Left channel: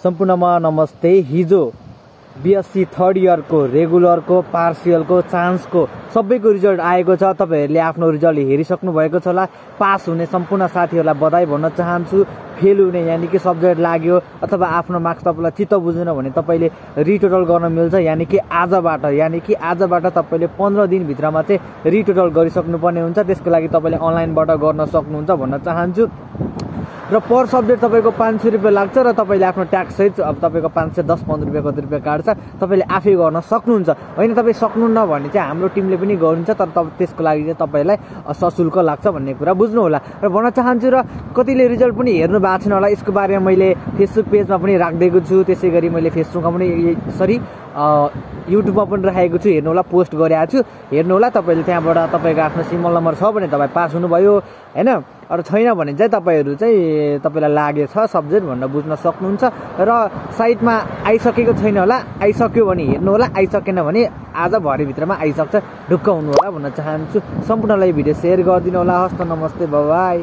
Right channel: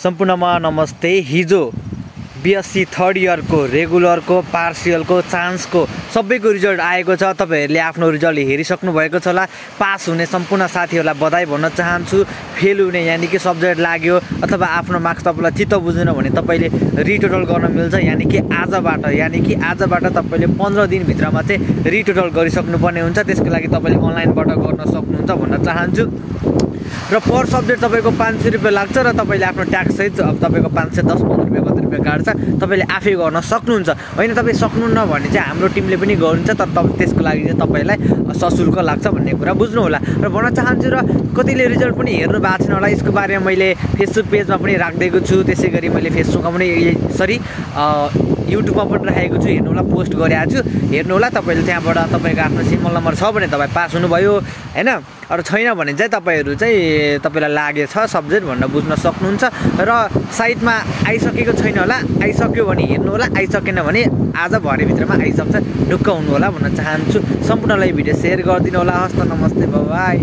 सम्पूर्णमा नमस्ते। हिजो बीएससी थर्ड इयरको रेगुलरको पार्सियलको चान्सको सबैको रिजल्ट आएको छ। तपाईहरुले आफ्नो रिजल्ट हेरिसक्नु भएको छ होला। पास हुने सम्पूर्ण साथीहरुलाई बधाई भन्न चाहन्छु। फेल हुने यानी कि सब्जेक्ट लाग्यो अथवा आफ्नो मार्क्स तपाईलाई चित्त बुझेन भने तपाईले रिटोटल गर्न मिल्छ। यानी कि आजबाट तपाईले 15 दिन भित्रमा चाहिँ रिटोटल गरिसक्नु पर्ने हुन्छ। त्यसको लागि तपाईले अनलाइनबाट गर्न सक्नुहुन्छ भन्न चाहन्छु। र पर सब्जेक्ट तपाईको 500 रुपैयाँ लाग्छ र तपाईले आफ्नो ट्याक्स सहित अब तपाईको 510-15 रुपैयाँ कति रुपैयाँ काट्छ तपाईले आफै गर्न सक्नुहुन्छ। हैन तपाई सक्नुहुन्न भने चाहिँ हाम्रो टिमले पनि गर्नुहुन्छ, तर त्यसको लागि चाहिँ तपाईलाई सशुल्क लाग्छ भन्ने कुरा बुझ्नु होला। र भन्न चाहन्छु र कतिले रिजल्ट पनि हेर्नु भएको छैन होला, यसको बारेमा मैले फेसबुक पेजमा पनि राख्दिएको छु। त्यसैगरी मैले फेसबुकमा पनि युट्युबमा पनि राखेको छु, हेर्नु होला, पोस्ट गरेको छु, हेर्नु होला। तपाईले त्यहाँबाट तपाईको आफ्नो सिम्बल नम्बर छ भने तपाई पास हुनुभयो हैन। अरु छैन भने चाहिँ तपाईहरु चाहिँ तपाईलाई लागेछ सब्जेक्ट भनेर बुझ्न सक्नुहुन्छ। र साइटमा आइसकेको छैन होला, आइसक्यो भने हेर्नु होला, आइसकेन भने आज भरे भित्रमा आइसक्छ, ढुक्क हुनु होला भन्न चाहन्छु। सम्पूर्णलाई भिडियो शेयर गरिदिनु होला। हस्त नमस्ते, बाइ बाइ।